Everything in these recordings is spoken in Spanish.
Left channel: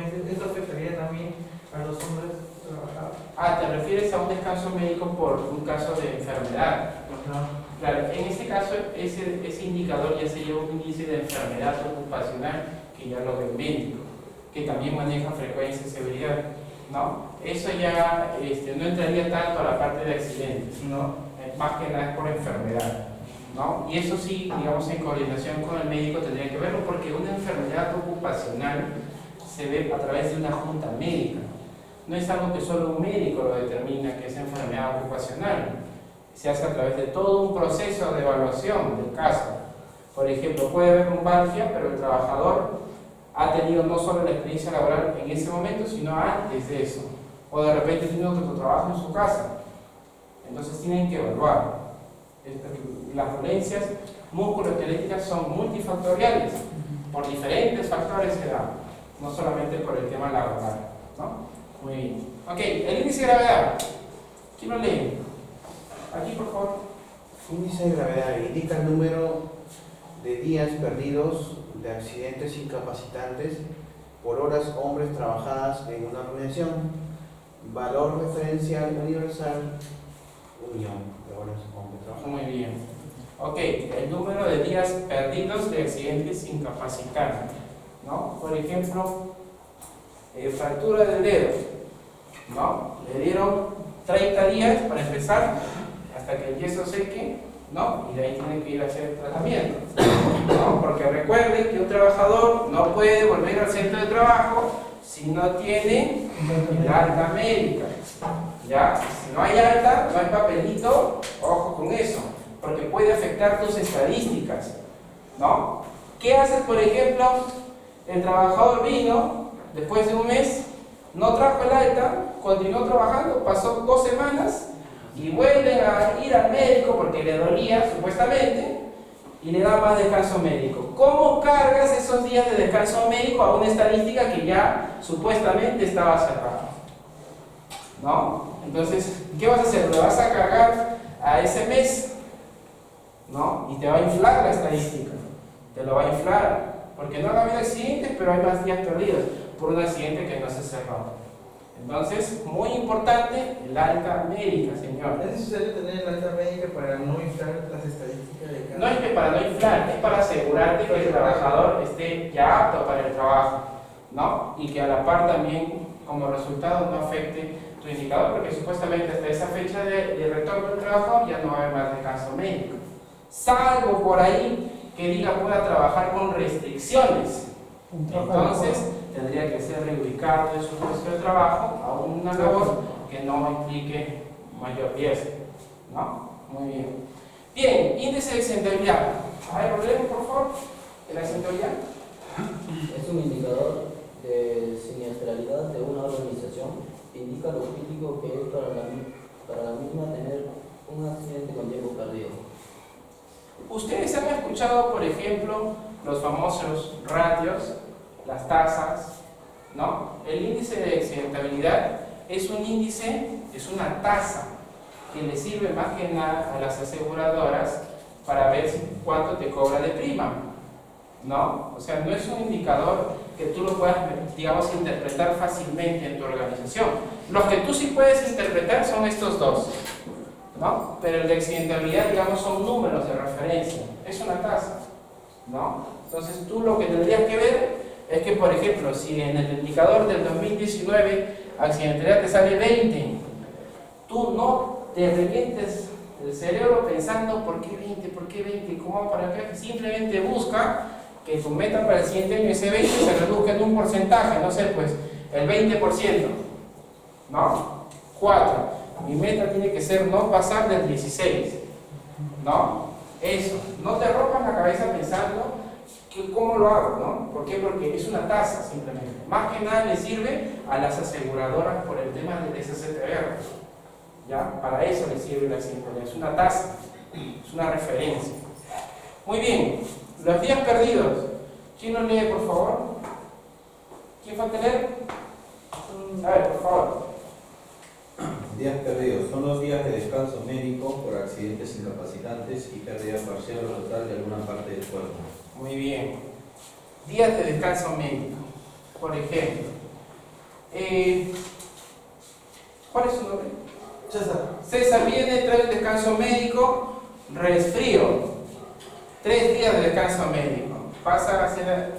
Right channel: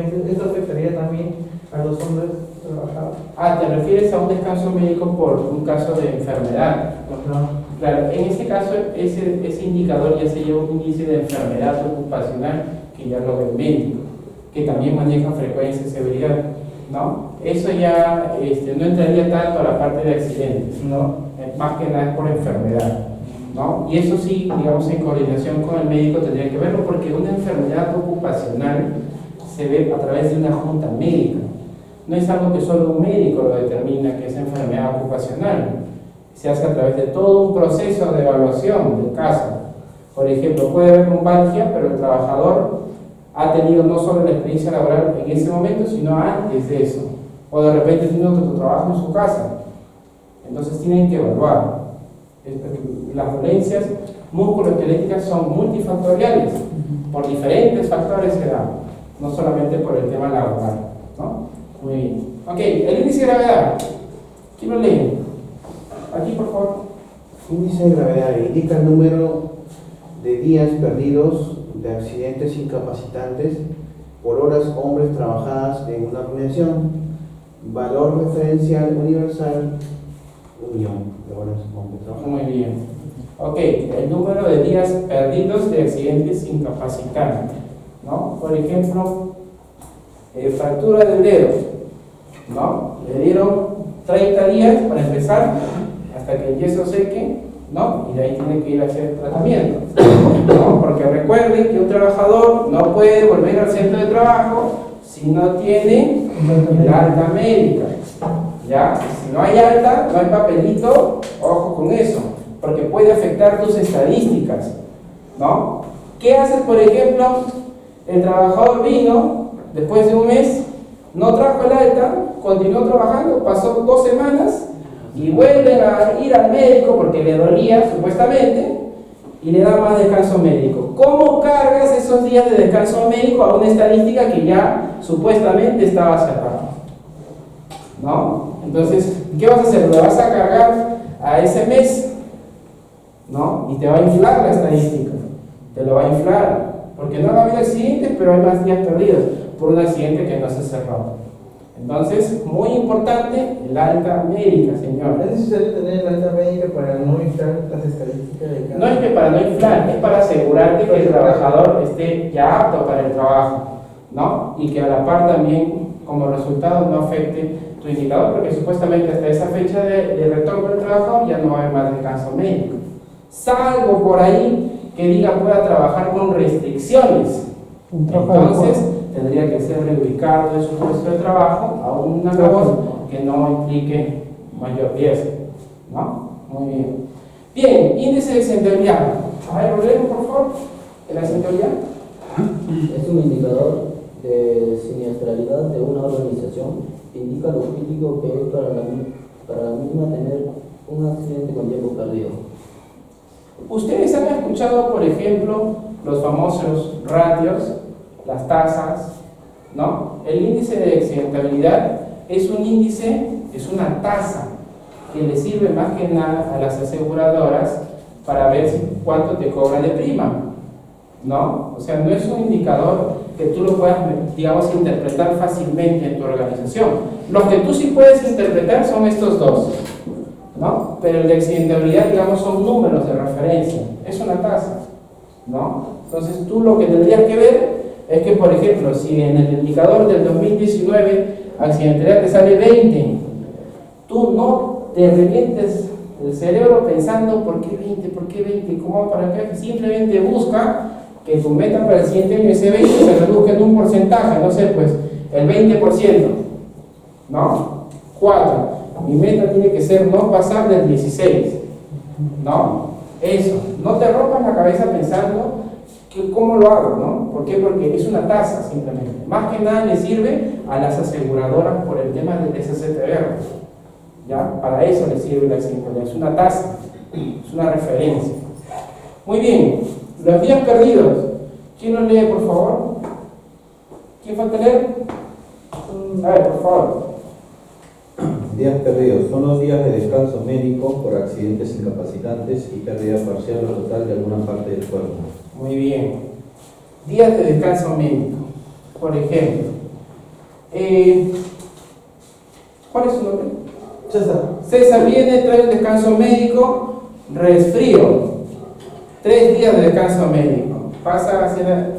Esto afectaría también a los hombres trabajadores. Ah, ¿te refieres a un descanso médico por un caso de enfermedad? Claro, en este caso ese indicador ya se lleva un índice de enfermedad ocupacional que ya lo ve el médico, que también maneja frecuencia y severidad, ¿no? Eso ya no entraría tanto a la parte de accidentes, No. Más que nada es por enfermedad, ¿no? Y eso sí, digamos, en coordinación con el médico tendría que verlo, porque una enfermedad ocupacional se ve a través de una junta médica. No es algo que solo un médico lo determina que es enfermedad ocupacional. Se hace a través de todo un proceso de evaluación del caso. Por ejemplo, puede haber lumbalgia, pero el trabajador ha tenido no solo la experiencia laboral en ese momento, sino antes de eso. O de repente tiene otro trabajo en su casa. Entonces tienen que evaluar. Las dolencias musculoesqueléticas son multifactoriales. Por diferentes factores se dan, no solamente por el tema laboral, ¿no? Muy bien. Ok, el índice de gravedad. ¿Quién lo lee? Aquí, por favor. Índice de gravedad indica el número de días perdidos de accidentes incapacitantes por horas hombres trabajadas en una organización. Valor referencial universal, 1.000.000 de horas hombres trabajadas. Muy bien. Ok, el número de días perdidos de accidentes incapacitantes, ¿no? Por ejemplo, fractura del dedo, ¿no? Le dieron 30 días para empezar, hasta que el yeso seque, ¿no? Y de ahí tiene que ir a hacer tratamiento, ¿no? Porque recuerden que un trabajador no puede volver al centro de trabajo si no tiene el alta médica, ¿ya? Si no hay alta, no hay papelito, ojo con eso, porque puede afectar tus estadísticas, ¿no? ¿Qué haces, por ejemplo? El trabajador vino, después de un mes, no trajo el alta, continuó trabajando, pasó 2 semanas y vuelven a ir al médico porque le dolía, supuestamente, y le da más descanso médico. ¿Cómo cargas esos días de descanso médico a una estadística que ya supuestamente estaba cerrada? ¿No? Entonces, ¿qué vas a hacer? ¿Le vas a cargar a ese mes? ¿No? Y te va a inflar la estadística. Te lo va a inflar. Porque no ha habido accidentes, pero hay más días perdidos por un accidente que no se cerró. Entonces, muy importante, el alta médica, señor. ¿Es necesario tener la alta médica para no inflar las estadísticas de cada? No es que para no inflar, es para asegurarte que el trabajador esté ya apto para el trabajo, ¿no? Y que a la par también, como resultado, no afecte tu indicador, porque supuestamente hasta esa fecha de retorno del trabajo ya no va a haber más descanso médico. Salvo por ahí que diga pueda trabajar con restricciones. Entonces, tendría que ser reubicado de su puesto de trabajo a una labor que no implique mayor riesgo, ¿no? Muy bien. Bien, índice de accidentabilidad. A ver, Rodrigo, por favor, de la accidentabilidad. Es un indicador de siniestralidad de una organización. Indica lo crítico que es para la misma tener un accidente con tiempo perdido. Ustedes han escuchado, por ejemplo, los famosos ratios, las tasas, ¿no? El índice de accidentabilidad es un índice, es una tasa que le sirve más que nada a las aseguradoras para ver cuánto te cobran de prima, ¿no? O sea, no es un indicador que tú lo puedas, digamos, interpretar fácilmente en tu organización. Los que tú sí puedes interpretar son estos dos, ¿no? Pero el de accidentabilidad, digamos, son números de referencia, es una tasa, ¿no? Entonces tú lo que tendrías que ver es que, por ejemplo, si en el indicador del 2019 accidentabilidad te sale 20, tú no te revientes el cerebro pensando ¿por qué 20? ¿Por qué 20? ¿Cómo para qué? Simplemente busca que tu meta para el siguiente año ese 20 se reduzca en un porcentaje, no sé, pues el 20%, ¿no? 4. Mi meta tiene que ser no pasar del 16, ¿no? Eso, no te rompas la cabeza pensando que cómo lo hago, ¿no? ¿Por qué? Porque es una tasa simplemente. Más que nada le sirve a las aseguradoras por el tema del SCTR, ¿ya? Para eso le sirve la accidentabilidad, es una tasa, es una referencia. Muy bien, los días perdidos. ¿Quién lo lee, por favor? ¿Quién falta leer? A ver, por favor. Días perdidos son los días de descanso médico por accidentes incapacitantes y pérdida parcial o total de alguna parte del cuerpo. Muy bien. Días de descanso médico. Por ejemplo, ¿Cuál es su nombre? César. César viene, trae un descanso médico, resfrío. 3 días de descanso médico. ¿Pasa a ser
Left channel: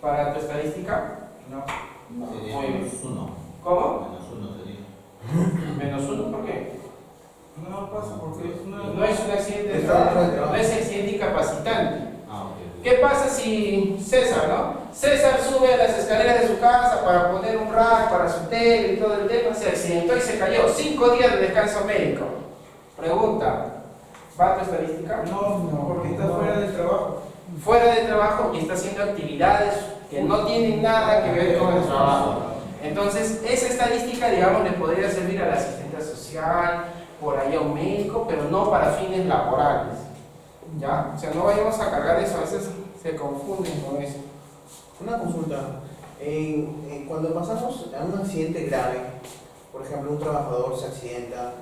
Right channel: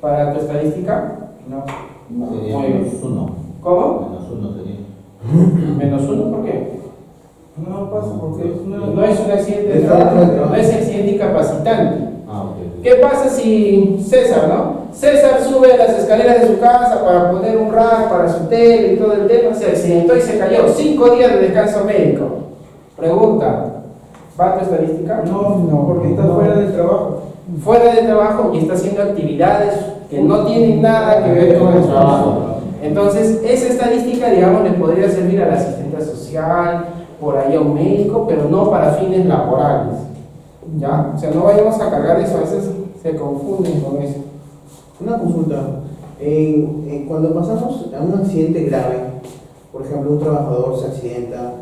para tu estadística? No. Sería Muy bien. -1. ¿Cómo? -1 sería. -1, ¿por qué? No pasa porque No es un accidente de Está trabajo, dentro del trabajo. no es accidente incapacitante. Ah, ok. ¿Qué pasa si César, no? César sube a las escaleras de su casa para poner un rack para su tele y todo el tema, se accidentó y se cayó. 5 días de descanso médico. Pregunta, ¿va tu estadística? No, porque está fuera del trabajo. Fuera de trabajo y está haciendo actividades que no tienen nada que ver con el trabajo. Entonces, esa estadística, digamos, le podría servir al asistente social, por ahí a un médico, pero no para fines laborales. ¿Ya? O sea, no vayamos a cargar eso, a veces se confunden con eso. Una consulta. Cuando pasamos a un accidente grave, por ejemplo, un trabajador se accidenta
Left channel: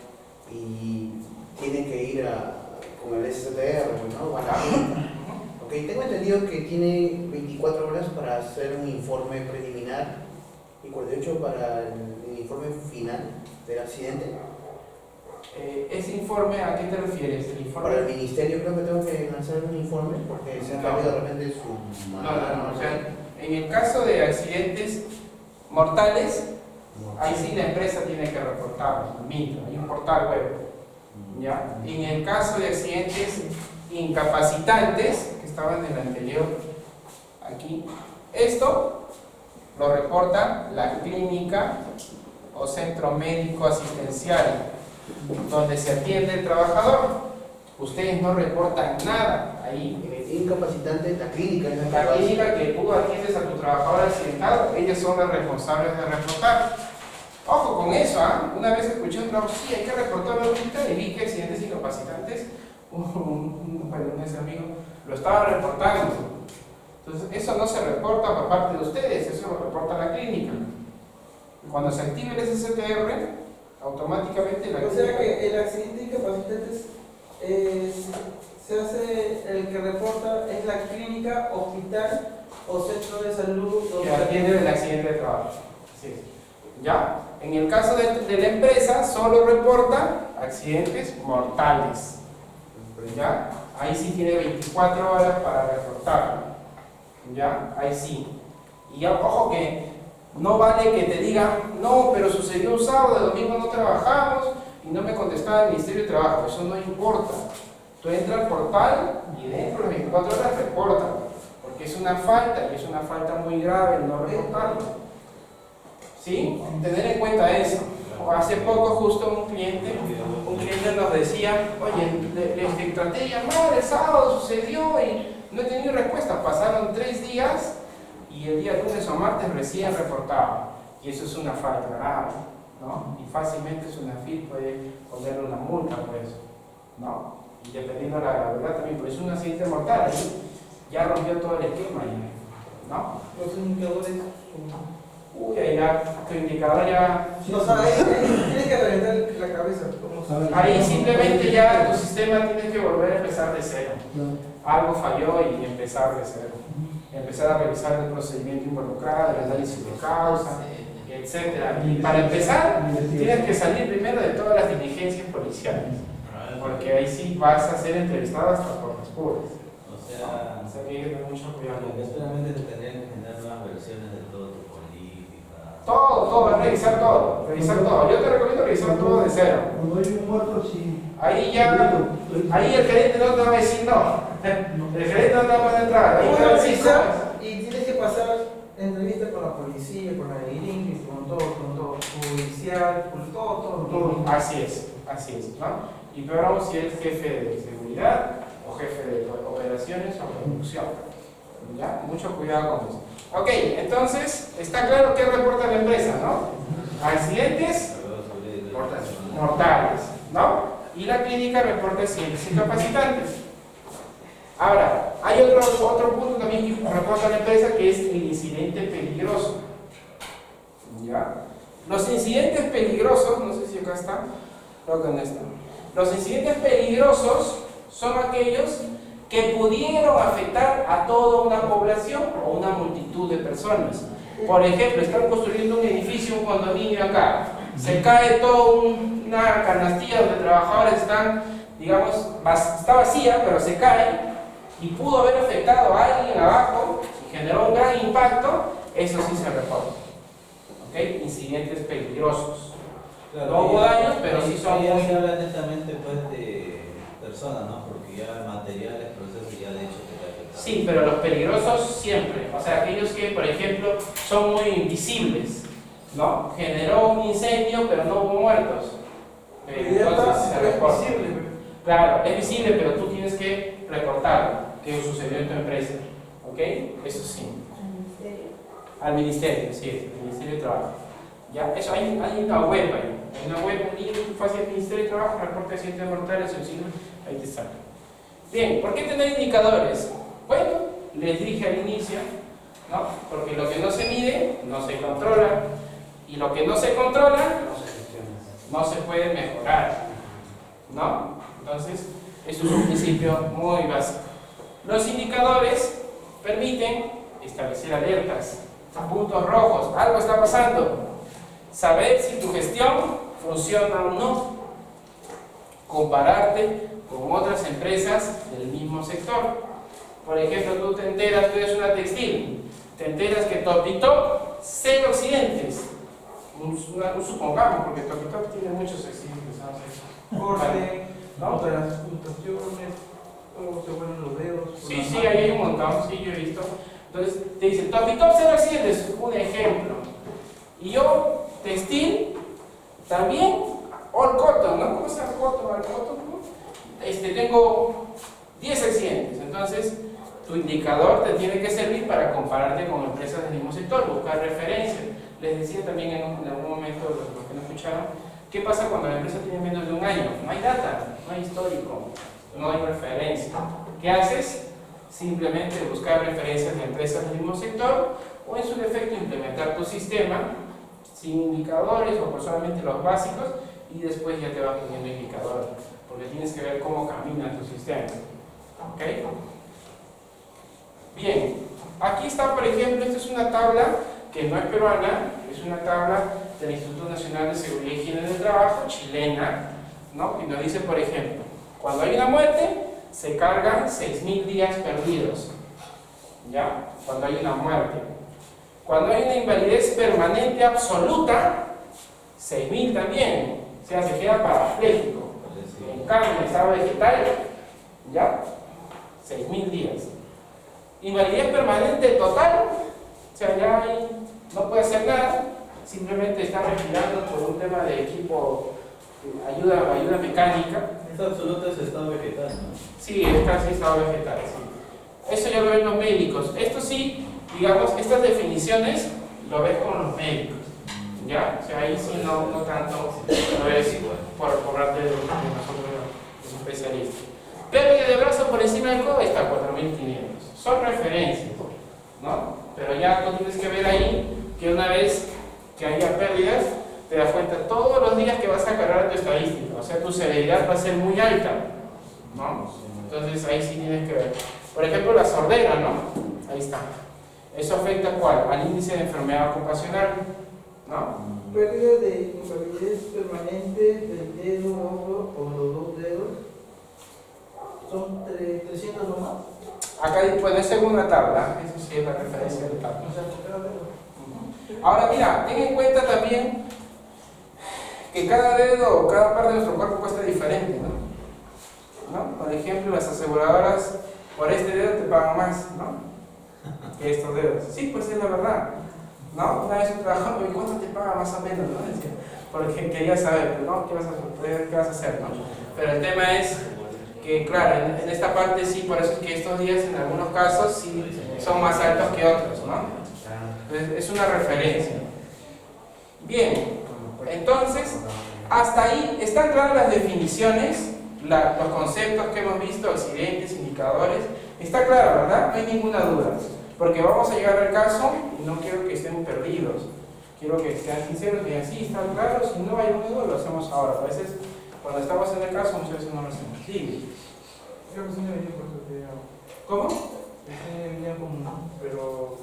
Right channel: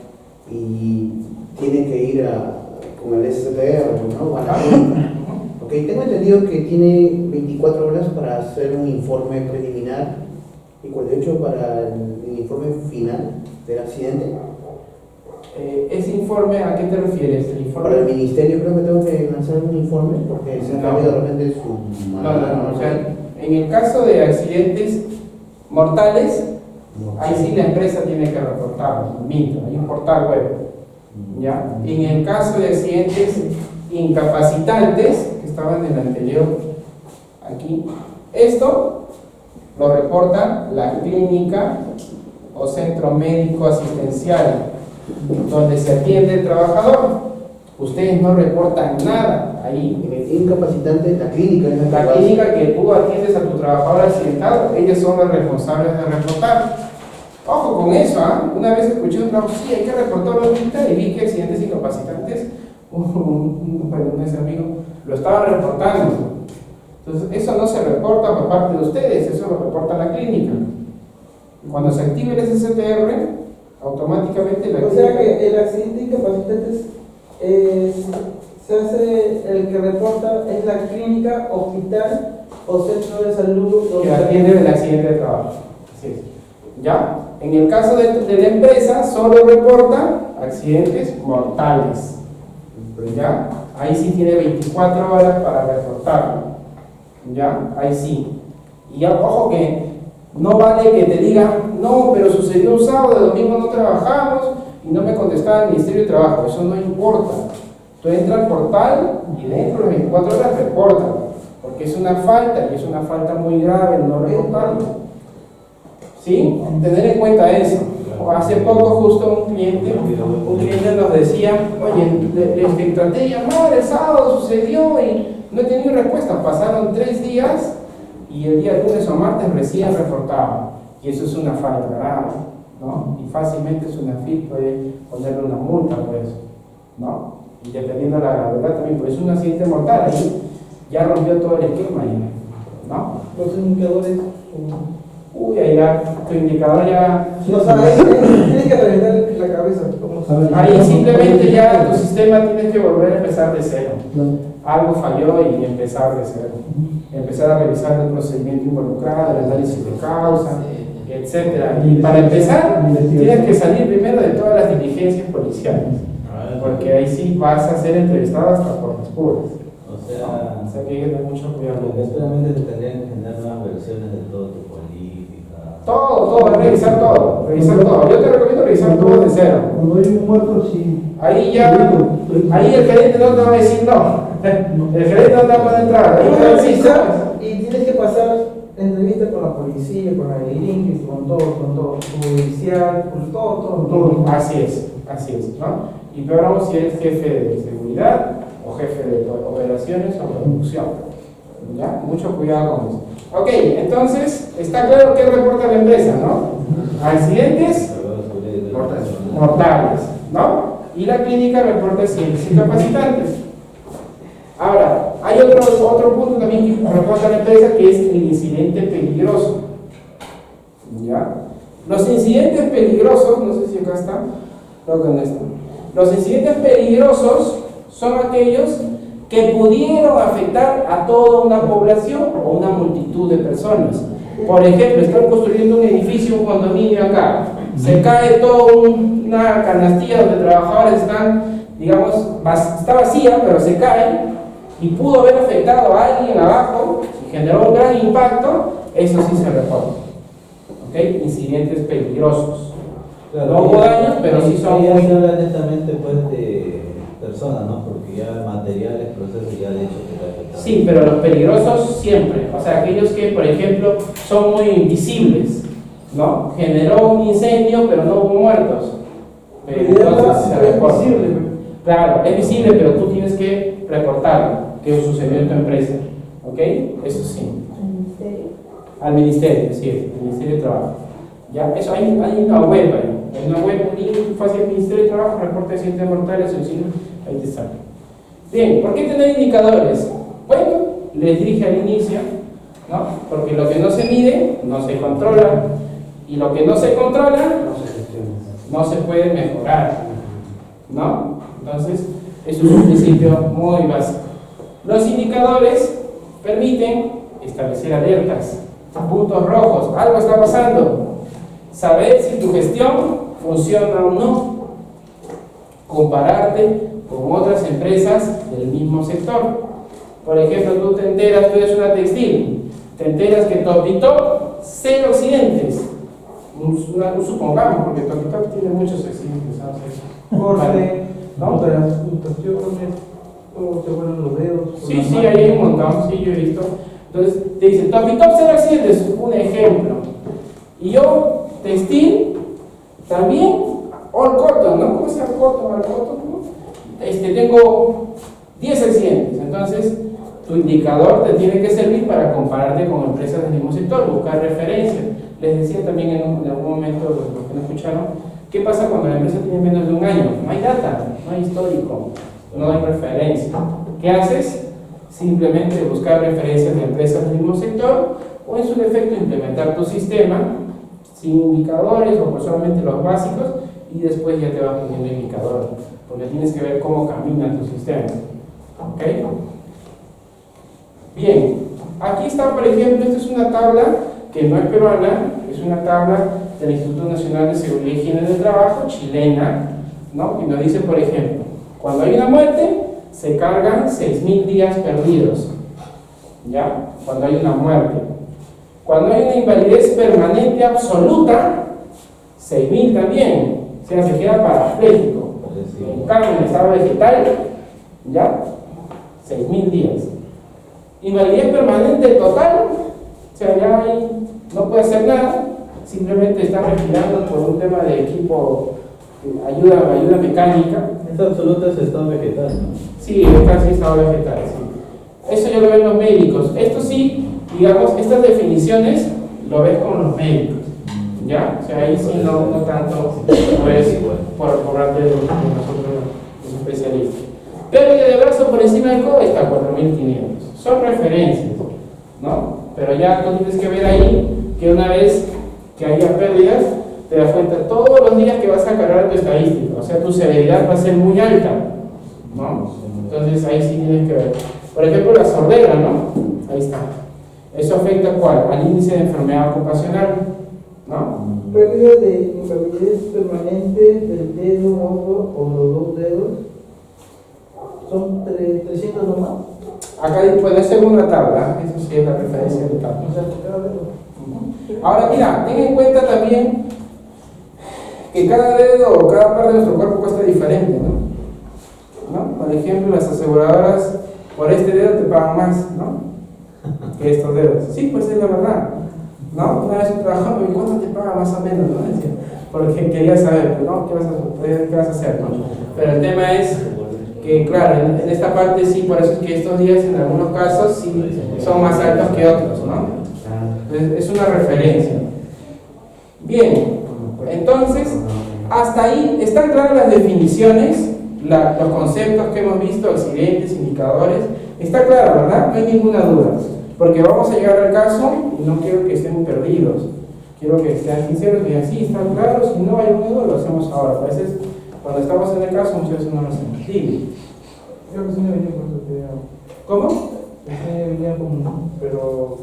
y tiene que ir con el STR, ¿no? A la clínica. Ok, tengo entendido que tiene 24 horas para hacer un informe preliminar y 48 para el informe final del accidente. ¿Ese informe a qué te refieres? ¿El informe? Para el ministerio creo que tengo que lanzar un informe porque se No. cambia de repente su No. O sea, en el caso de accidentes mortales, ahí sí la empresa tiene que reportarlo, hay un portal web. ¿Ya? En el caso de accidentes incapacitantes, que estaban en el anterior, aquí, esto lo reporta la clínica o centro médico asistencial, donde se atiende el trabajador. Ustedes no reportan nada ahí. En el incapacitante, la clínica es la que La lo hace. clínica que tú atiendes a tu trabajador accidentado, ellos son los responsables de reportar. Ojo con eso, ¿ah? Una vez escuché un trabajo, sí, hay que reportarlo ahorita y vi que accidentes incapacitantes, un amigo, lo estaba reportando. Entonces, eso no se reporta por parte de ustedes, eso lo reporta la clínica. Cuando se active el SSTR, automáticamente la O clínica... sea que el accidente incapacitante se hace, el que reporta es la clínica, hospital o centro de salud que donde atiende el accidente de trabajo. Así es. ¿Ya? En el caso de la empresa, solo reporta accidentes mortales. ¿Ya? Ahí sí tiene 24 horas para reportarlo. ¿Ya? Ahí sí. Y ya, ojo que no vale que te digan, no, pero sucedió un sábado, el domingo no trabajamos y no me contestaba el Ministerio de Trabajo. Eso no importa. Tú entras al portal y dentro de las 24 horas reporta, porque es una falta y es una falta muy grave el no reportarlo. ¿Sí? Tener en cuenta eso. Hace poco justo un cliente nos decía, oye, le traté de llamar, el sábado sucedió y no he tenido respuesta. Pasaron 3 días y el día lunes o martes recién reportaba. Y eso es una falta grave, ¿no? Y fácilmente SUNAFIL puede ponerle una multa por eso, ¿no? Y dependiendo de la gravedad también, porque es un accidente mortal, ahí ya rompió todo el esquema, ¿no? los indicadores. Uy, ahí ya, tu indicador ya... O sea, ahí tienes que reventar la cabeza. Ahí simplemente ya tu sistema tiene que volver a empezar de cero. Algo falló y empezar de cero. Empezar a revisar el procedimiento involucrado, el análisis de causa, etc. Y para empezar, tienes que salir primero de todas las diligencias policiales. Porque ahí sí vas a ser entrevistado hasta por las puras. O sea, que hay que tener mucho cuidado. Solamente se tendrían que generar nuevas versiones de todo tu política. Todo, revisar todo. Yo te recomiendo revisar todo de cero. Cuando hay un muerto, sí. Ahí ya, ahí el gerente no te va a decir no. El gerente no te va a poder entrar. Ahí te va a decir no. Y tienes que pasar entrevistas con la policía, con la delincuencia, con todo, judicial, con todo. Así es, ¿no? Y peor aún si eres jefe de seguridad o jefe de operaciones o producción. ¿Ya? Mucho cuidado con eso. Ok, entonces, está claro que reporta la empresa, ¿no? Accidentes mortales, ¿no? Y la clínica reporta accidentes incapacitantes. Ahora, hay otro punto también que reporta la empresa, que es el incidente peligroso. ¿Ya? Los incidentes peligrosos, no sé si acá está, creo que no está. Los incidentes peligrosos son aquellos que pudieron afectar a toda una población o una multitud de personas. Por ejemplo, están construyendo un edificio edificio, un condominio acá, se cae toda una canastilla donde trabajadores están, digamos, está vacía, pero se cae y pudo haber afectado a alguien abajo y generó un gran impacto, eso sí se reporta. ¿Ok? Incidentes peligrosos. Claro, No hubo daños, pero sí son ya muy... se habla netamente pues de personas, ¿no? Porque ya materiales, procesos ya de hecho que te afectan. Sí, pero los peligrosos siempre, o sea, aquellos que, por ejemplo, son muy invisibles, ¿no? Generó un incendio, pero no hubo muertos. Entonces se reporta. Es visible. Claro, es visible, pero tú tienes que reportarlo, que sucedió en tu empresa. ¿Ok? Eso sí. ¿Al ministerio? Al ministerio, sí, al Ministerio de Trabajo. Ya, eso hay una web ahí. Hay una web, un link fácil del Ministerio de Trabajo, reporte de accidentes mortales, suicidio, ahí te sale. Bien, ¿por qué tener indicadores? Bueno, les dije al inicio, ¿no? Porque lo que no se mide, no se controla. Y lo que no se controla, No se gestiona. no se puede mejorar, ¿no? Entonces, eso es un principio muy básico. Los indicadores permiten establecer alertas, puntos rojos, algo está pasando, saber si tu gestión funciona o no, compararte con otras empresas del mismo sector. Por ejemplo, tú te enteras, tú eres una textil, te enteras que Top y Top, 0 accidentes. Supongamos, porque Top y Top tiene muchos accidentes, ¿no? Corte, ¿no? transmutaciones, cómo se vuelven los dedos. Sí, sí, ahí hay un montón, sí, yo he visto. Entonces, te dicen, Top y Top 0 accidentes, un ejemplo. Y yo, textil, también, all cotton, ¿no? ¿Cómo se llama cotton? All cotton, ¿no? Tengo 10 accidentes, entonces tu indicador te tiene que servir para compararte con empresas del mismo sector, buscar referencias. Les decía también en algún momento, los que no escucharon, ¿qué pasa cuando la empresa tiene menos de un año? No hay data, no hay histórico, no hay referencia. ¿Qué haces? Simplemente buscar referencias de empresas del mismo sector o en su defecto implementar tu sistema sin indicadores o solamente los básicos y después ya te vas poniendo indicadores, porque tienes que ver cómo camina tu sistema. ¿Ok? Bien, aquí está, por ejemplo, esta es una tabla que no es peruana, es una tabla del Instituto Nacional de Seguridad y Higiene del Trabajo, chilena, ¿no? Y nos dice, por ejemplo, cuando hay una muerte, se cargan 6.000 días perdidos, ¿ya? Cuando hay una muerte. Cuando hay una invalidez permanente absoluta, 6.000 también, o sea, se queda parapléjico. En cambio, en estado vegetal, ¿ya? 6.000 días. Invalidez permanente total, o sea, ya ahí no puede hacer nada, simplemente está respirando por un tema de equipo, ayuda mecánica. Esta absoluta es estado vegetal, ¿no? Sí, es casi estado vegetal, sí. Eso ya lo ven los médicos. Esto sí, digamos, estas definiciones lo ves con los médicos, ¿ya? O sea, ahí sí no tanto lo ves por parte de nosotros, los especialistas. Pérdida de brazo por encima del codo está 4.500. Son referencias, ¿no? Pero ya tú tienes que ver ahí que una vez que haya pérdidas, te das cuenta todos los días que vas a cargar tu estadística, o sea, tu severidad va a ser muy alta, ¿no? Entonces ahí sí tienes que ver. Por ejemplo, la sordera, ¿no? Ahí está. ¿Eso afecta ¿cuál? Al índice de enfermedad ocupacional, ¿no? Pérdida de invalidez permanente del dedo, ojo o los dos dedos. Son 300 nomás. Acá puede ser una tabla, eso sí es la referencia de tabla. O sea, por cada dedo. Ahora mira, ten en cuenta también que cada dedo o cada parte de nuestro cuerpo cuesta diferente, ¿no? Por ejemplo, las aseguradoras por este dedo te pagan más, ¿no? Que estos dedos. Sí, pues es la verdad, ¿no? Una vez un trabajador me dijo, ¿cuánto te paga más o menos? ¿No? Decía, porque quería saber, ¿no? ¿Qué vas a hacer? ¿No? Pero el tema es que, claro, en esta parte sí, por eso es que estos días en algunos casos sí son más altos que otros, ¿no? Es una referencia. Bien, entonces, hasta ahí están claras las definiciones, los conceptos que hemos visto, accidentes, indicadores. Está claro, ¿verdad? No hay ninguna duda. Porque vamos a llegar al caso y no quiero que estén perdidos. Quiero que estén sinceros y digan, sí, están claros, si no hay una duda, lo hacemos ahora. A veces, cuando estamos en el caso, muchas veces no lo hacemos. Sí. Creo que sí me venía con eso que ¿Cómo? venía con, pero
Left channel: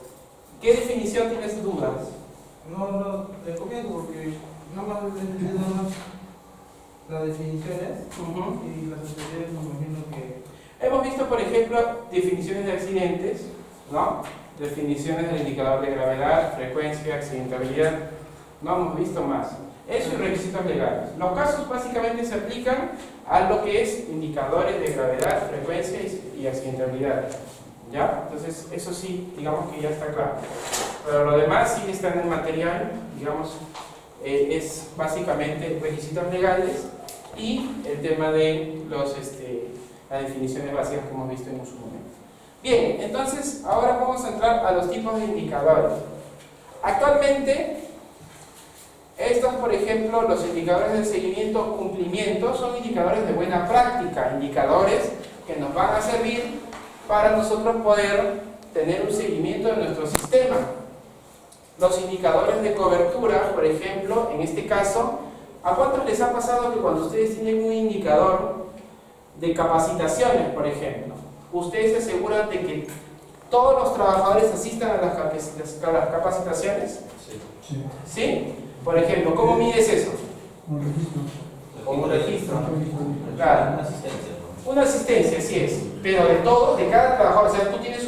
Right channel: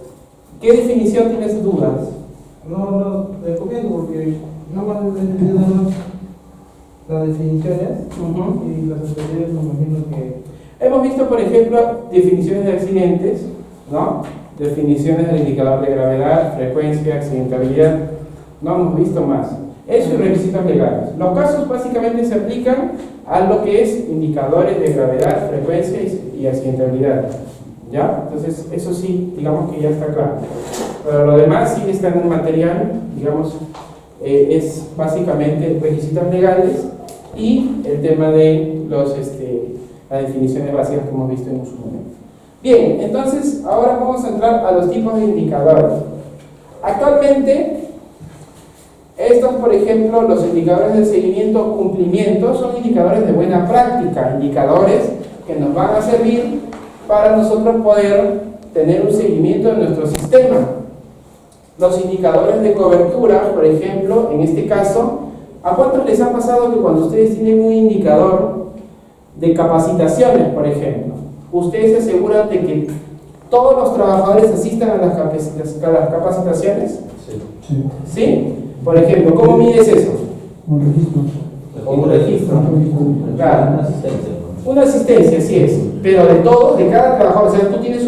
¿Qué definición tienes dudas? No, recomiendo porque no más he entendido más las definiciones y las anteriores me imagino que... Hemos visto, por ejemplo, definiciones de accidentes, ¿no? Definiciones del indicador de gravedad, frecuencia, accidentabilidad. No hemos visto más. Eso y requisitos legales. Los casos básicamente se aplican a lo que es indicadores de gravedad, frecuencia y accidentabilidad. ¿Ya? Entonces, eso sí, digamos que ya está claro. Pero lo demás sí está en el material, digamos, es básicamente requisitos legales y el tema de las definiciones básicas que hemos visto en su momento. Bien, entonces ahora vamos a entrar a los tipos de indicadores. Actualmente, estos, por ejemplo, los indicadores de seguimiento o cumplimiento son indicadores de buena práctica, indicadores que nos van a servir para nosotros poder tener un seguimiento de nuestro sistema. Los indicadores de cobertura, por ejemplo, en este caso, ¿a cuántos les ha pasado que cuando ustedes tienen un indicador de capacitaciones, por ejemplo, ustedes se aseguran de que todos los trabajadores asistan a las capacitaciones? Sí. ¿Sí? Por ejemplo, ¿cómo mides eso? Un registro. Un registro. Claro. Una asistencia. Una asistencia, sí es, pero de todos, de cada trabajador. O sea, tú tienes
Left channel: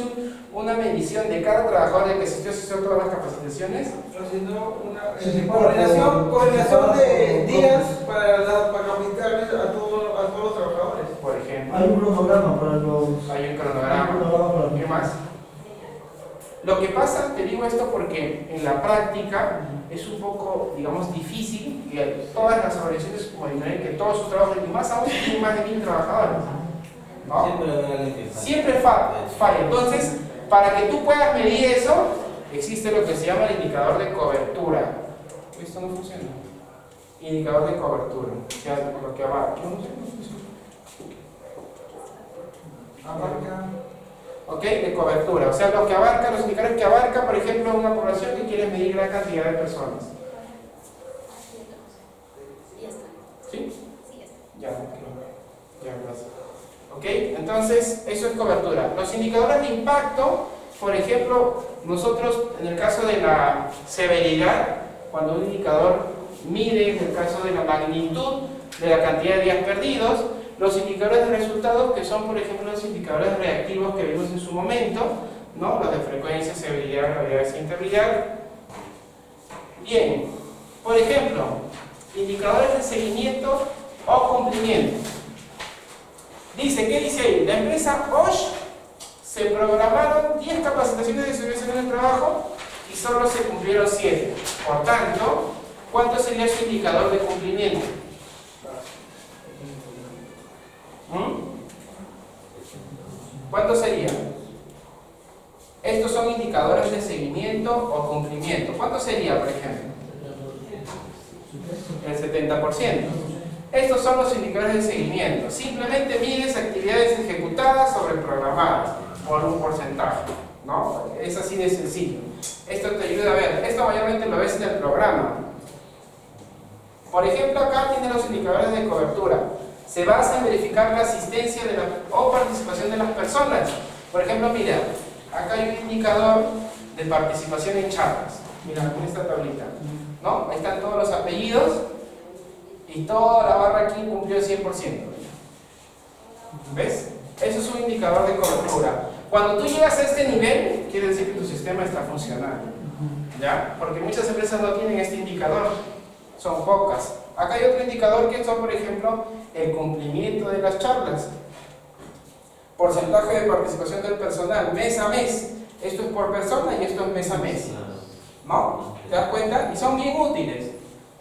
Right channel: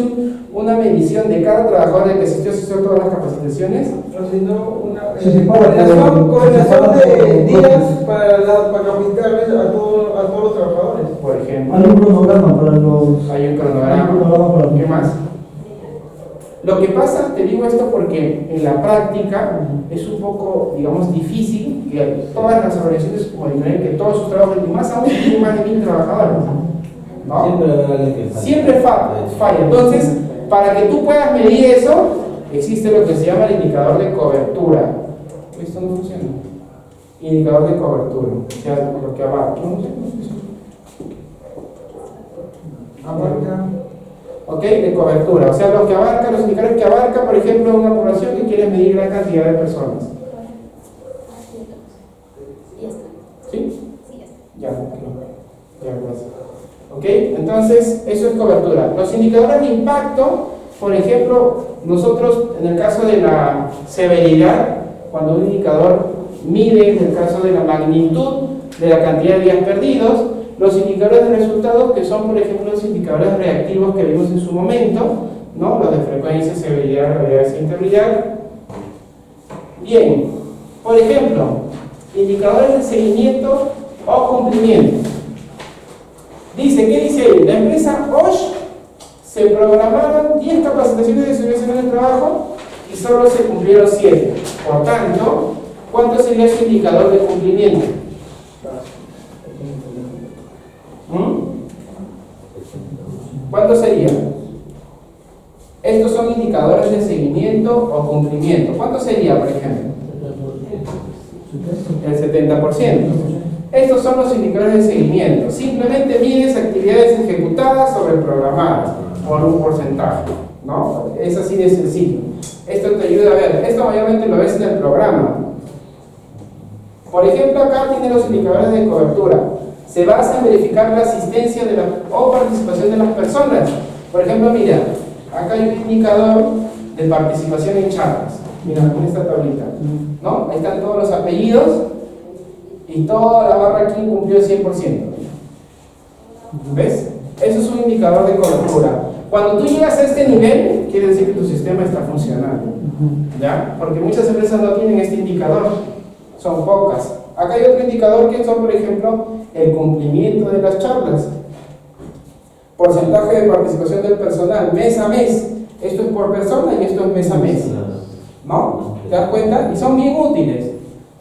una medición de cada trabajador de que asistió a todas las capacitaciones. O si no, una Sí, coordinación de días para capacitarles a todos los trabajadores. Por ejemplo, Hay un cronograma para los. hay un cronograma. ¿Qué más? Lo que pasa, te digo esto porque en la práctica es un poco, digamos, difícil que todas las organizaciones monitoren que todos sus trabajadores, y más aún si tienen más de 1000 trabajadores, ¿no? Siempre habrá alguien que falle. Siempre falla. Entonces, para que tú puedas medir eso, existe lo que se llama el indicador de cobertura. Esto no funciona. Indicador de cobertura, o sea, lo que abarca. Abarca. ¿Ok? De cobertura, o sea, lo que abarca, los indicadores que abarca, por ejemplo, una población que quiere medir la cantidad de personas. ¿Sí? Ya, gracias. ¿Ok? Entonces, eso es cobertura. Los indicadores de impacto, por ejemplo, nosotros, en el caso de la severidad, cuando un indicador mide, en el caso de la magnitud de la cantidad de días perdidos, los indicadores de resultados, que son, por ejemplo, los indicadores reactivos que vimos en su momento, ¿no? Los de frecuencia, severidad, gravedad y accidentabilidad. Bien, por ejemplo, indicadores de seguimiento o cumplimiento. Dice, ¿qué dice ahí? La empresa Osh se programaron 10 capacitaciones de seguridad en el trabajo y solo se cumplieron 7. Por tanto, ¿cuánto sería su indicador de cumplimiento? ¿Cuánto sería? Estos son indicadores de seguimiento o cumplimiento. ¿Cuánto sería, por ejemplo? El 70%. Estos son los indicadores de seguimiento. Simplemente mides actividades ejecutadas sobre programadas por un porcentaje, ¿no? Es así de sencillo. Esto te ayuda a ver. Esto mayormente lo ves en el programa. Por ejemplo, acá tiene los indicadores de cobertura. Se basa en verificar la asistencia o participación de las personas. Por ejemplo, mira, acá hay un indicador de participación en charlas. Mira, en esta tablita, ¿no? Ahí están todos los apellidos y toda la barra aquí cumplió el 100%. ¿Ves? Eso es un indicador de cobertura. Cuando tú llegas a este nivel, quiere decir que tu sistema está funcionando, ¿ya? Porque muchas empresas no tienen este indicador, son pocas. Acá hay otro indicador que son, por ejemplo, el cumplimiento de las charlas, porcentaje de participación del personal, mes a mes. Esto es por persona y esto es mes a mes, ¿no? ¿Te das cuenta? Y son bien útiles.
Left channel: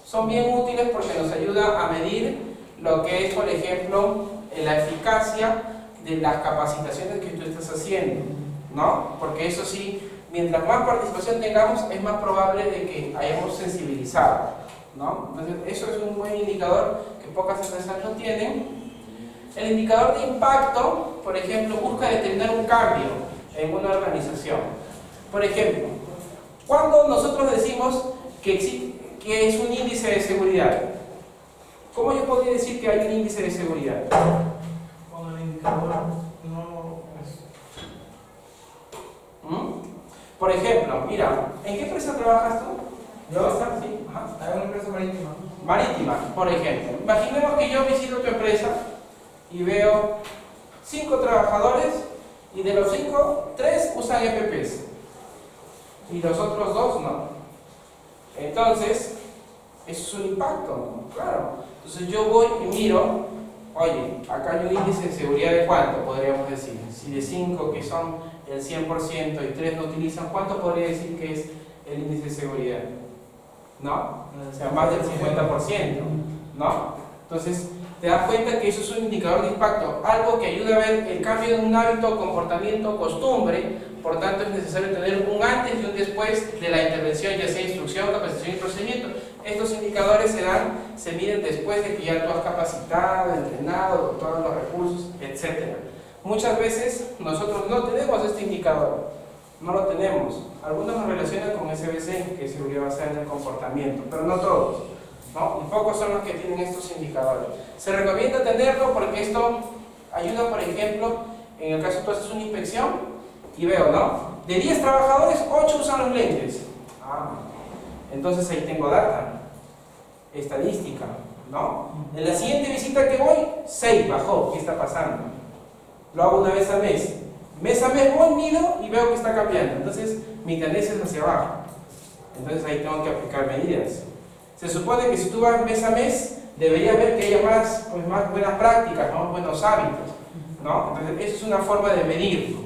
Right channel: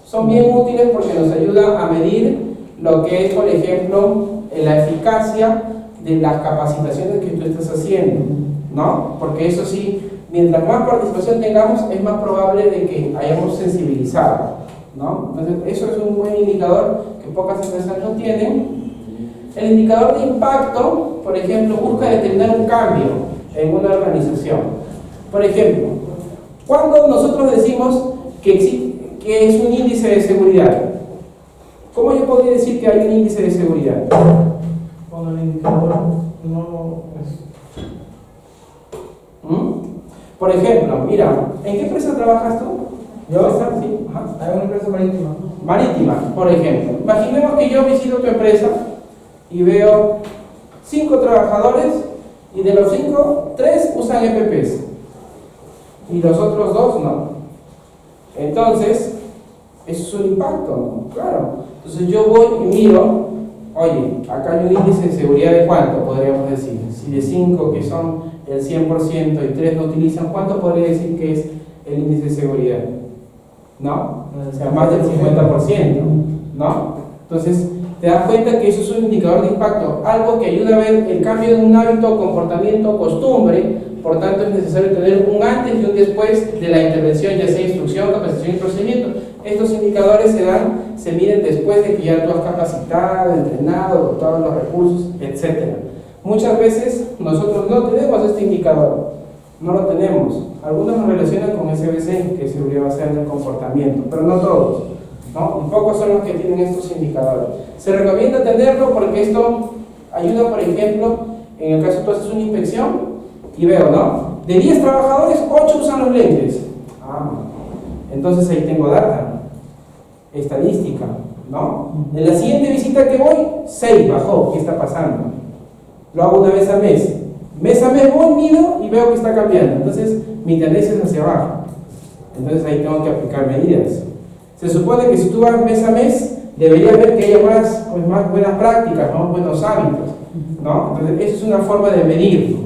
Son bien útiles porque nos ayuda a medir lo que es, por ejemplo, la eficacia de las capacitaciones que tú estás haciendo, ¿no? Porque eso sí, mientras más participación tengamos, es más probable de que hayamos sensibilizado, ¿no? Entonces, eso es un buen indicador que pocas empresas no tienen. El indicador de impacto, por ejemplo, busca determinar un cambio en una organización. Por ejemplo, cuando nosotros decimos que es un índice de seguridad, ¿cómo yo podría decir que hay un índice de seguridad? Cuando el indicador no es... Por ejemplo, mira, ¿en qué empresa trabajas tú? ¿Yo? Sí, ajá. Hay una empresa marítima. Marítima, por ejemplo. Imaginemos que yo visito tu empresa y veo 5 trabajadores y de los 5, 3 usan EPPs y los otros 2 no. Entonces, eso es un impacto, ¿no? Claro. Entonces yo voy y miro, oye, acá hay un índice de seguridad de cuánto, podríamos decir. Si de 5 que son el 100% y 3 no utilizan, ¿cuánto podría decir que es el índice de seguridad? ¿No? O sea, más del 50%, ¿no? Entonces, te das cuenta que eso es un indicador de impacto, algo que ayuda a ver el cambio de un hábito, comportamiento, costumbre. Por tanto, es necesario tener un antes y un después de la intervención, ya sea instrucción, capacitación y procedimiento. Estos indicadores se miden después de que ya tú has capacitado, entrenado, dotado los recursos, etc. Muchas veces nosotros no tenemos este indicador, no lo tenemos. Algunos nos relacionan con SBC, que es seguridad basada en el comportamiento, pero no todos, ¿no? Y pocos son los que tienen estos indicadores. Se recomienda tenerlo porque esto ayuda, por ejemplo, en el caso tú haces una inspección y veo, ¿no? De 10 trabajadores, 8 usan los lentes. Entonces ahí tengo data, estadística, ¿no? En la siguiente visita que voy, 6 bajó. ¿Qué está pasando? Lo hago una vez al mes. Mes a mes voy, mido y veo que está cambiando. Entonces mi tendencia es hacia abajo. Entonces ahí tengo que aplicar medidas. Se supone que si tú vas mes a mes, deberías ver que haya más buenas prácticas, más buenos hábitos, ¿no? Entonces esa es una forma de medir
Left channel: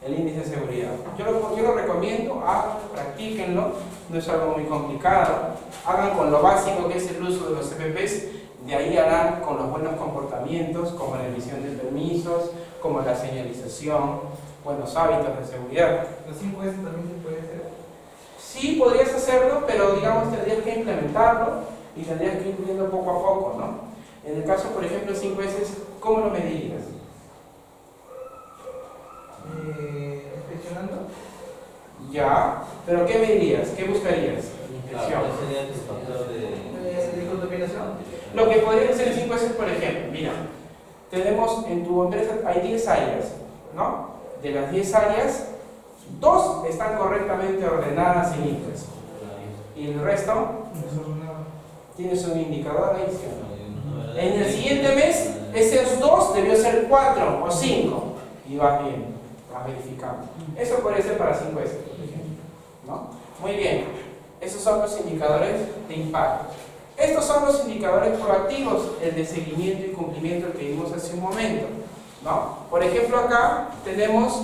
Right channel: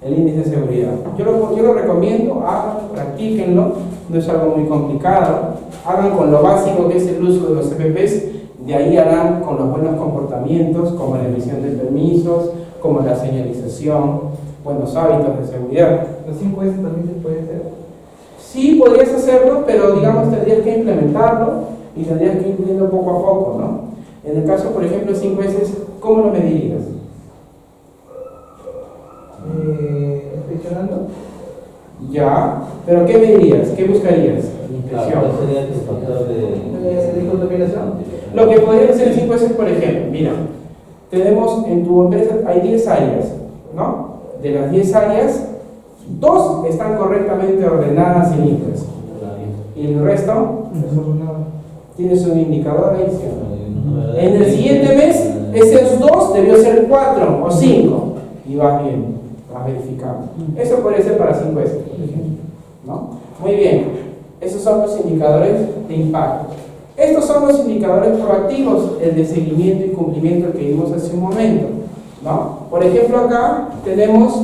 el índice de seguridad. Yo lo recomiendo, háganlo, practíquenlo, no es algo muy complicado. Hagan con lo básico que es el uso de los EPPs, de ahí harán con los buenos comportamientos, como la emisión de permisos, como la señalización, buenos hábitos de seguridad. ¿Los 5 S también se puede hacer? Sí, podrías hacerlo, pero digamos tendrías que implementarlo y tendrías que ir viendo poco a poco, ¿no? En el caso, por ejemplo, 5S, ¿cómo lo medirías? Inspeccionando. Ya, pero ¿qué medirías? ¿Qué buscarías? Claro, ese sería tu factor De contaminación. Lo que podría hacer 5S, por ejemplo, mira, tenemos en tu empresa, hay 10 áreas, ¿no? De las 10 áreas, 2 están correctamente ordenadas y limpias. Y el resto, tienes un indicador ahí, ¿sí? En el siguiente mes, esos 2 debió ser 4 o 5. Y vas bien, vas verificando. Eso podría ser para 5S, por ejemplo, ¿no? Muy bien, esos son los indicadores de impacto. Estos son los indicadores proactivos, el de seguimiento y cumplimiento que vimos hace un momento, ¿no? Por ejemplo, acá tenemos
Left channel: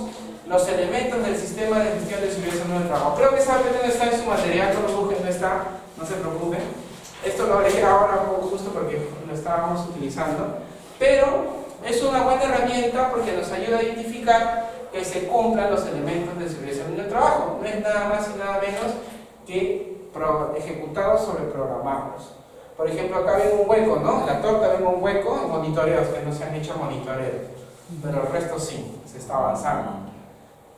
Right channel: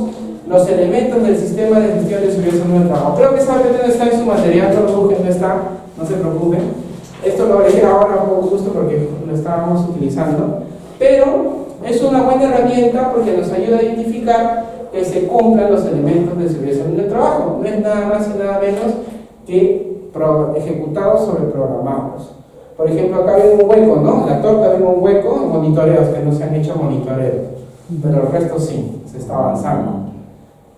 los elementos del sistema de gestión de seguridad en el trabajo. Creo que esa parte no está en su material, no lo busquen, no está, no se preocupen. Esto lo haré ahora por gusto porque lo estábamos utilizando, pero es una buena herramienta porque nos ayuda a identificar que se cumplan los elementos de seguridad en el trabajo. No es nada más y nada menos que ejecutados sobre programados. Por ejemplo, acá ven un hueco, ¿no? En la torta ven un hueco en monitoreos que no se han hecho monitoreos, pero el resto sí, se está avanzando.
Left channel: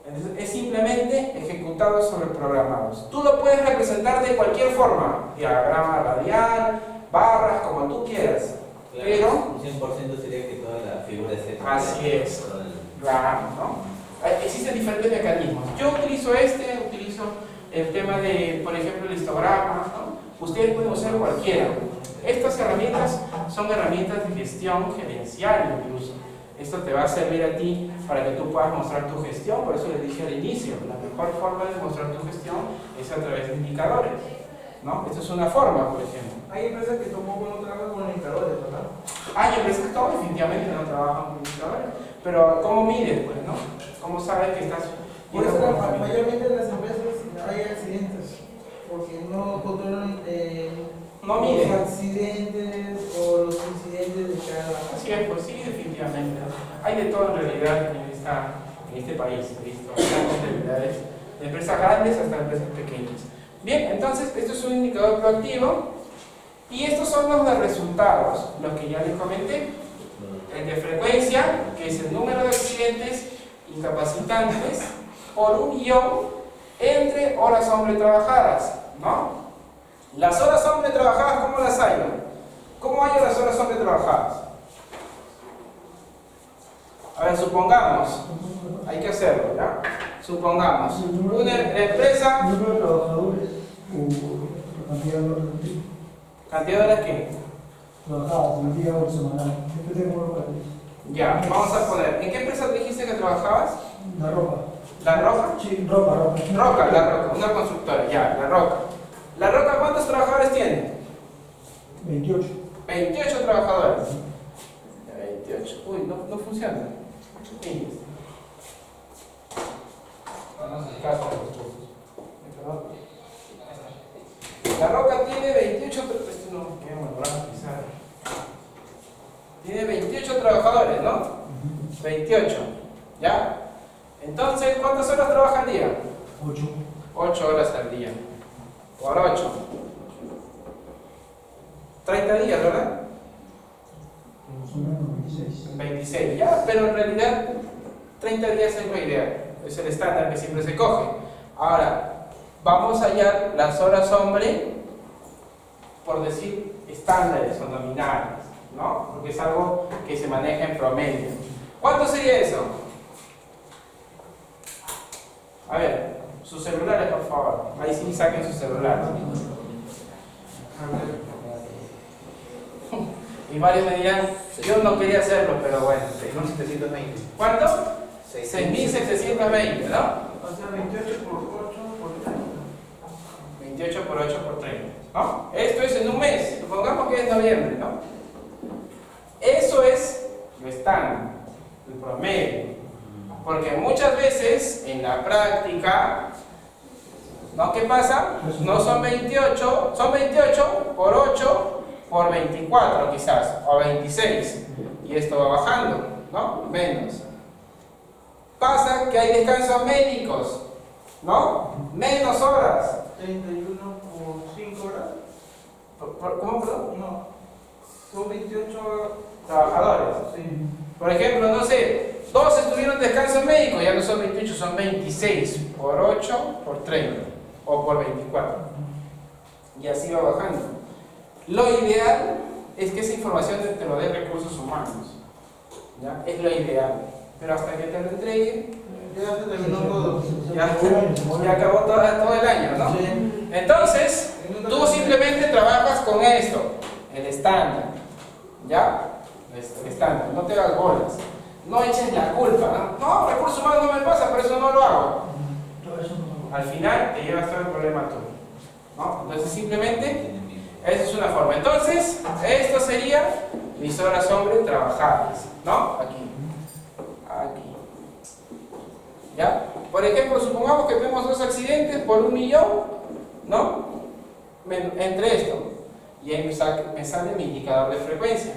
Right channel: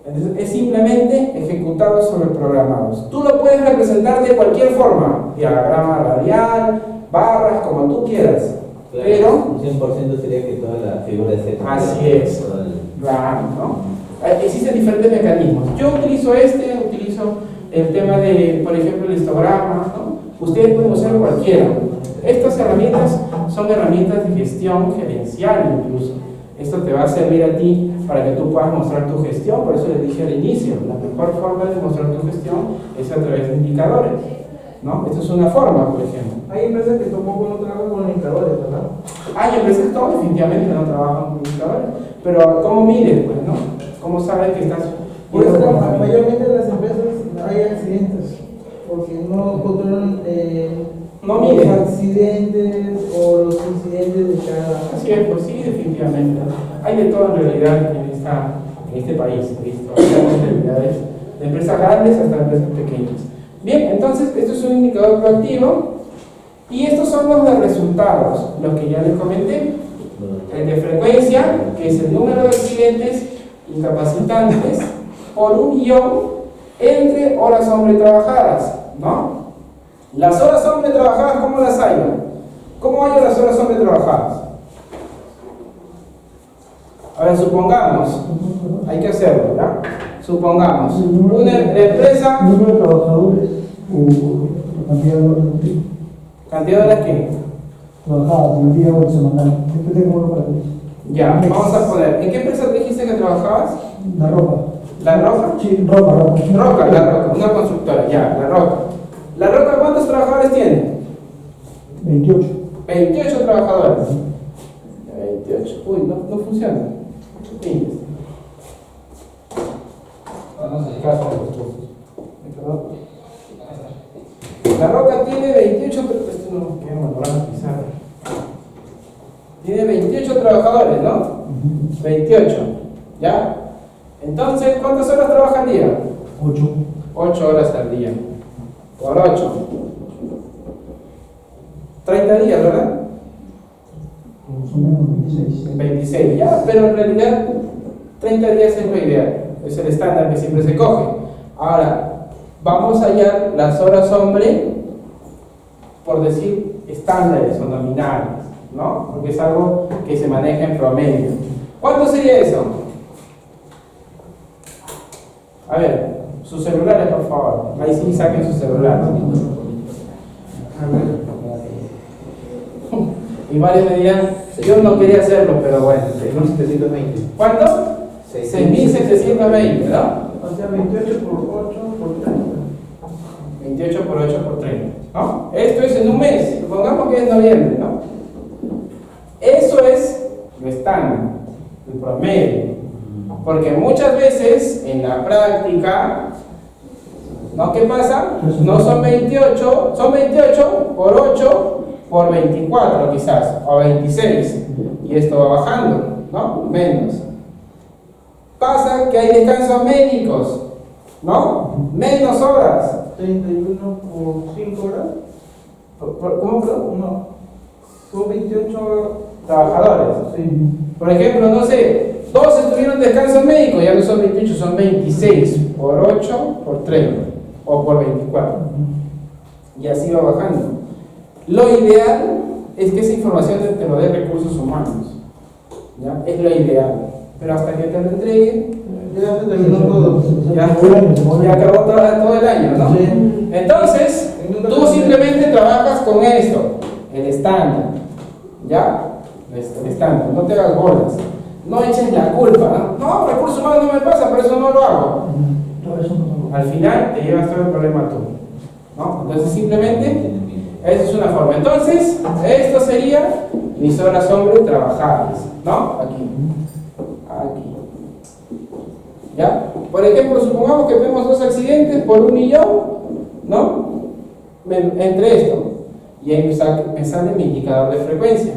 Entonces, es simplemente ejecutados sobre programados. Tú lo puedes representar de cualquier forma, diagrama radial, barras, como tú quieras. Claro, Pero un 100% sería que toda la figura esté. así es, claro, ¿no? Existen diferentes mecanismos. Yo utilizo el tema de, por ejemplo, el histograma, ¿no? Ustedes pueden usar cualquiera. Estas herramientas son herramientas de gestión gerencial incluso. Esto te va a servir a ti para que tú puedas mostrar tu gestión. Por eso les dije al inicio, la mejor forma de mostrar tu gestión es a través de indicadores, ¿no? Esta es una forma, por ejemplo. Hay empresas que tampoco no trabajan con indicadores, ¿verdad? Hay empresas que definitivamente no trabajan con indicadores, pero ¿cómo mides, pues, no? ¿Cómo sabes que estás? Por eso mayormente en las empresas hay accidentes, porque no controlan no miden. los accidentes o los incidentes de cada... Así es, pues sí, definitivamente. Hay de todo en realidad en este país, ¿listo? Hay realidades de empresas grandes hasta empresas pequeñas. Bien, entonces esto es un indicador proactivo y estos son los de resultados, los que ya les comenté. El de frecuencia, que es el número de accidentes incapacitantes por 1.000.000 entre horas hombre trabajadas, ¿no? Las horas hombre trabajadas, ¿cómo las hay? ¿Cómo hay las horas hombre trabajadas? A ver, supongamos, hay que hacerlo, ¿ya? Supongamos, una empresa... Número de trabajadores cantidad de horas de ¿Cantidad de horas qué? trabajadas, el día o semanal. Depende de cómo lo practiques. Ya, vamos a poner. ¿En qué empresa dijiste que trabajabas? La ropa. ¿La Roca? Sí, ropa. Roca, La Roca, una constructora, ya, La Roca. ¿La Roca cuántos trabajadores tiene? 28. 28 trabajadores. 28. Uy, no funciona. Sí. Vamos a sacar los cursos. Perdón. La Roca tiene 28. Esto no me queda mal, quizá. Tiene 28 trabajadores, ¿no? 28. ¿Ya? Entonces, ¿cuántas horas trabaja al día? 8. 8 horas al día. Por 8. 30 días, ¿verdad? Son menos 26. 26, ya, pero en realidad 30 días es lo ideal, es el estándar que siempre se coge. Ahora, vamos a hallar las horas hombre, por decir estándares o nominales, ¿no? Porque es algo que se maneja en promedio. ¿Cuánto sería eso? A ver, sus celulares, por favor. Ahí sí saquen sus celulares. Y varios me dirán, yo no quería hacerlo, pero bueno. 6.720. ¿Cuánto? 6.720, ¿no? O sea, 28 por 8 por 30. 28 por 8 por 30, ¿no? Esto es en un mes, supongamos que es noviembre, ¿no? Eso es lo estándar, el promedio. Porque muchas veces en la práctica, ¿no? ¿Qué pasa? No son 28, son 28 por 8 por 24 quizás, o 26, y esto va bajando, ¿no? Menos. Pasa que hay descansos médicos, ¿no? Menos horas. 31 por 5 horas. ¿Cómo? No. Son 28 Trabajadores. Sí. Por ejemplo, no sé, 2 estuvieron de descanso médico, ya no son 28, son 26 por 8 por 30 o por 24. Y así va bajando. Lo ideal es que esa información te lo dé recursos humanos. ¿Ya? Es lo ideal. Pero hasta que te lo entreguen, Ya se terminó todo. ya acabó todo el año, ¿no? Sí. Entonces, tú simplemente trabajas con esto, el estándar. ¿Ya? El estándar, no te hagas bolas. No eches la culpa, ¿no? No, recursos humanos no me pasa, por eso no lo hago. Al final te llevas todo el problema tú, ¿no? Entonces simplemente, esa es una forma. Entonces, esto sería mis horas hombre trabajadas, ¿no? Aquí. ¿Ya? Por ejemplo, supongamos que tenemos 2 accidentes por 1 millón, ¿no? Entre esto. Y ahí me sale mi indicador de frecuencia,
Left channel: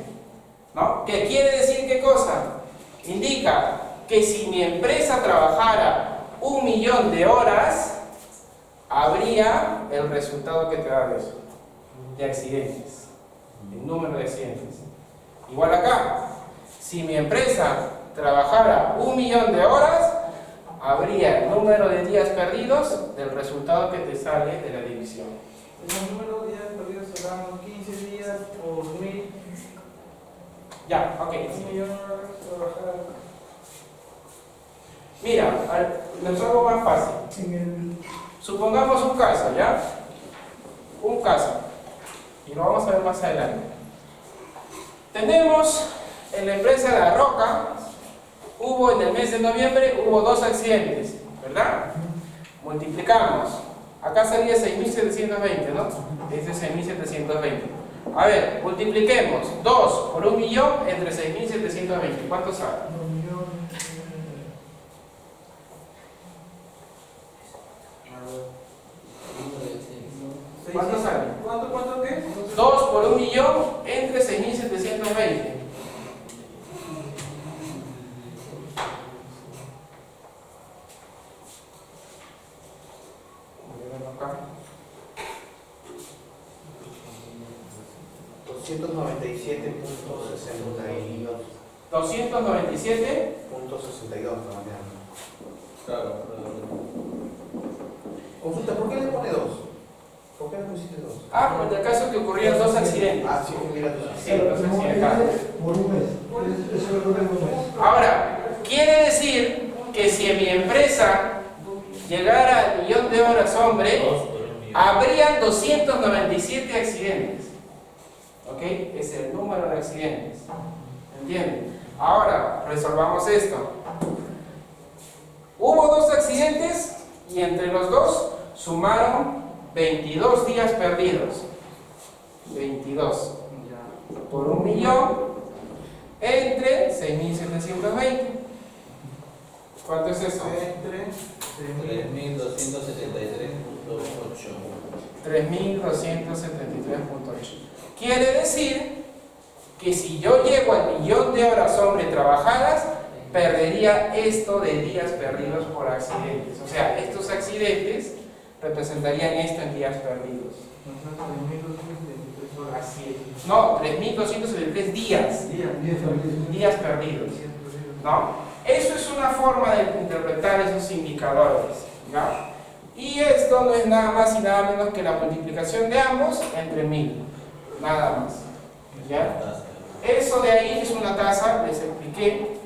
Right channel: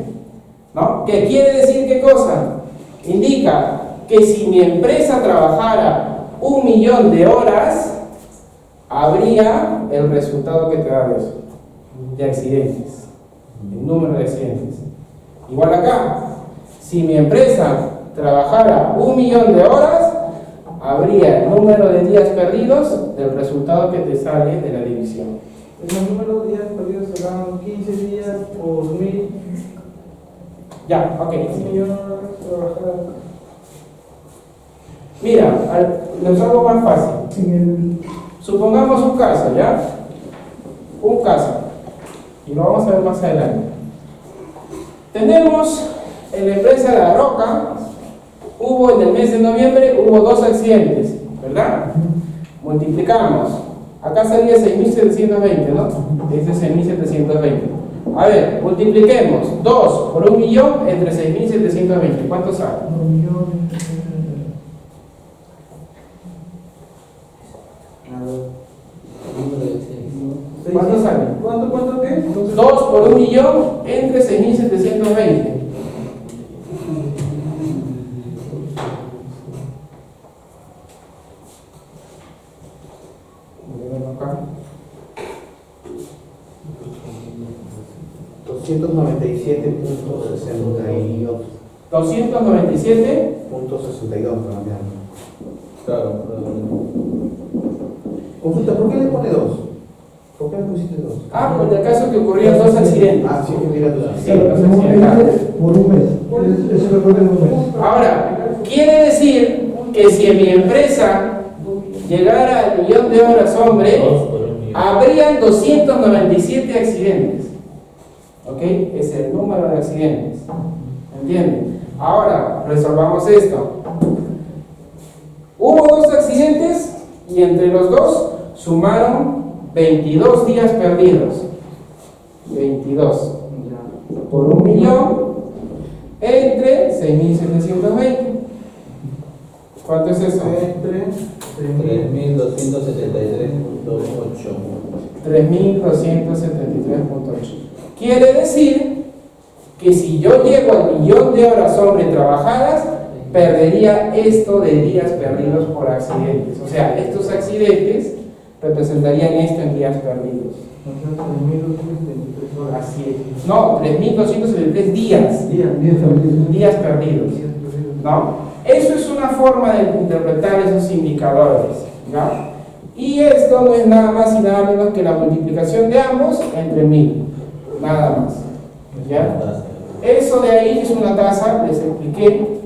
¿no? ¿Qué quiere decir qué cosa? Indica que si mi empresa trabajara 1 millón de horas, habría el resultado que te da de eso, de accidentes, el número de accidentes. Igual acá, si mi empresa trabajara 1 millón de horas, habría el número de días perdidos del resultado que te sale de la división. El número de días perdidos serán 15 días por 1000. Ya, ok. 1 millón trabajar. Mira, nos hago más fácil. Supongamos un caso, ¿ya? Un caso. Y lo vamos a ver más adelante. Tenemos en la empresa La Roca, en el mes de noviembre, hubo 2 accidentes, ¿verdad? Multiplicamos. Acá salía 6.720, ¿no? Ese es 6.720. A ver, multipliquemos 2 por 1 millón entre 6.720. ¿Cuánto sale? 1 millón. ¿Cuánto sale? ¿Cuánto qué? 2 por 1 millón entre 6.720. Acá. 297.62. 297. Claro. Consulta, ¿por qué le pone 2? ¿Por qué le pusiste 2? Ah, pues en el caso que ocurrieron 2 accidentes. Ah, sí, mira tú. Sí, 2 accidentes. Por un mes. Eso es lo que tengo un mes. Ahora, quiere decir que si en mi empresa llegara al millón de horas hombre, habrían 297 accidentes. ¿Ok? Es el número de accidentes. ¿Entienden? Ahora, resolvamos esto. Hubo 2 accidentes y entre los 2 sumaron 22 días perdidos. 22 por 1 millón entre 6.720. ¿Cuánto es eso? Entre 3.273.8. 3.273.8. Quiere decir que si yo llego al millón de horas hombre trabajadas, perdería esto de días perdidos por accidentes. O sea, estos accidentes representarían esto en días perdidos. Así es. No, 3.273 días. Días perdidos. ¿No? Eso es una forma de interpretar esos indicadores. ¿Ya? Y esto no es nada más y nada menos que la multiplicación de ambos entre 1000. Nada más. ¿Ya? Eso de ahí es una tasa, les expliqué,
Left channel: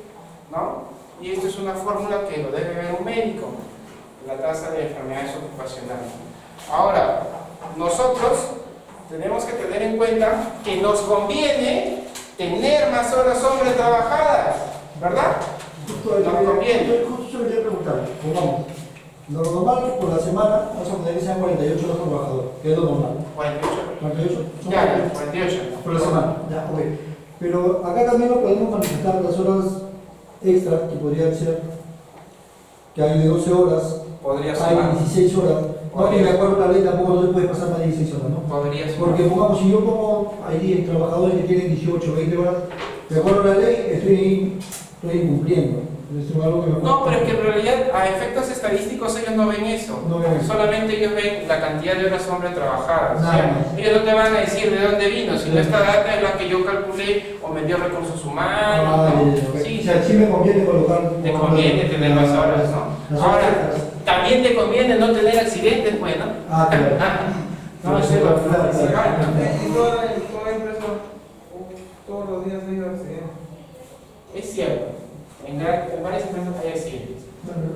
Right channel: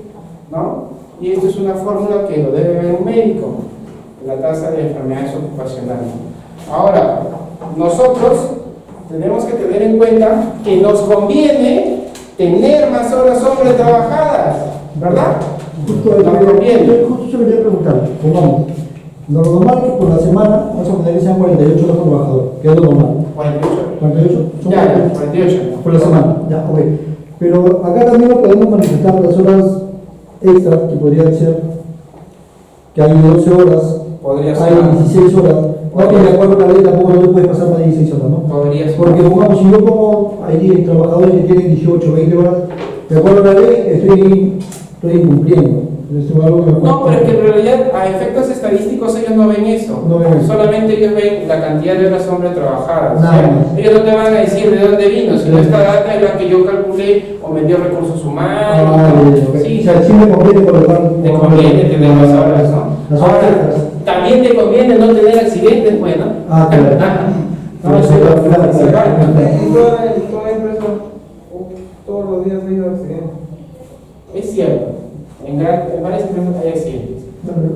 ¿no? Y esto es una fórmula que lo debe ver un médico, la tasa de enfermedades ocupacionales. Ahora, nosotros tenemos que tener en cuenta que nos conviene tener más horas hombre trabajadas, ¿verdad? Justo Nos conviene. yo quería preguntar, pongamos, lo normal que por la semana, vamos a poner que sean 48 horas por trabajador, que es lo normal. 48. 48 son Ya, 48. por la semana, ya, ok. Pero acá también lo podemos manifestar las horas extras, que podrían ser que hay 12 horas, Podría ser. hay 16 horas. No, que de acuerdo a la ley tampoco no se puede pasar más de 16 horas, ¿no? Podría ser. Porque pongamos, si yo pongo ahí trabajadores que tienen 18, 20 horas, de acuerdo a la ley, estoy incumpliendo. Es algo que me No, pero es que cuesta. en realidad a efectos estadísticos ellos no ven eso. No ven eso. Solamente ellos ven la cantidad de horas hombre trabajadas. Nada O sea, más. ellos no te van a decir de dónde vino, sino esta data es la que yo calculé o me dio recursos humanos. Ah, ¿no? ya, ok. Sí, O sea, sí me conviene colocar. te conviene tener más horas, ¿no? Las horas Ahora, extras. también te conviene no tener accidentes, bueno. Ah, claro. No, eso es lo que Claro, claro. En toda empresa, todos los días hay accidentes. Es cierto. En varias empresas hay accidentes.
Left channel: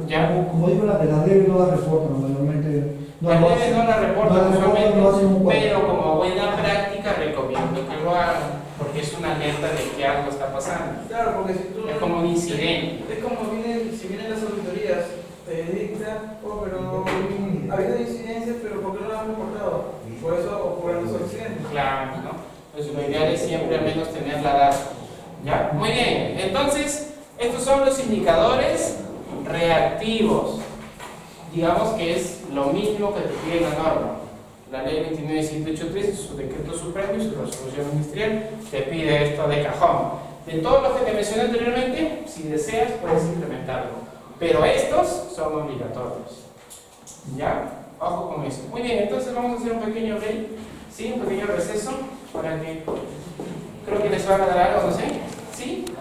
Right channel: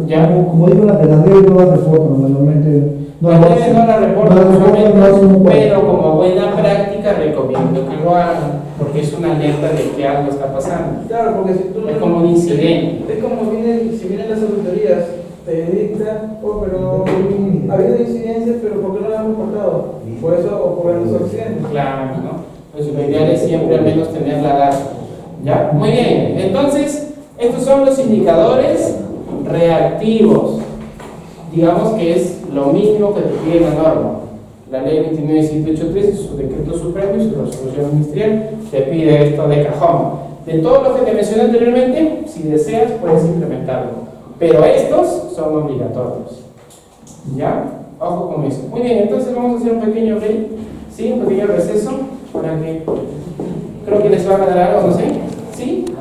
Ya. Como digo, la pedagogía no da reporte normalmente. No la reportan usualmente, no hacen un cuadro. pero como buena práctica recomiendo que lo hagan, porque es una alerta de que algo está pasando. Claro, porque si tú. Es como un incidente. Es como si vienen las auditorías, te dictan, pero ha habido incidencias, pero ¿por qué no las han reportado? Por eso ocurren los accidentes. Claro, ¿no? Pues lo ideal es siempre al menos tener la data. ¿Ya? Muy bien. Entonces, estos son los indicadores reactivos. Digamos que es lo mínimo que te pide la norma. La ley 29783 y su decreto supremo y su resolución ministerial te pide esto de cajón. De todos los que te mencioné anteriormente, si deseas puedes implementarlo. Pero estos son obligatorios. ¿Ya? Ojo con eso. Muy bien, entonces vamos a hacer un pequeño break, ¿sí? Un pequeño receso para que creo que les va a dar algo, no sé. ¿Sí?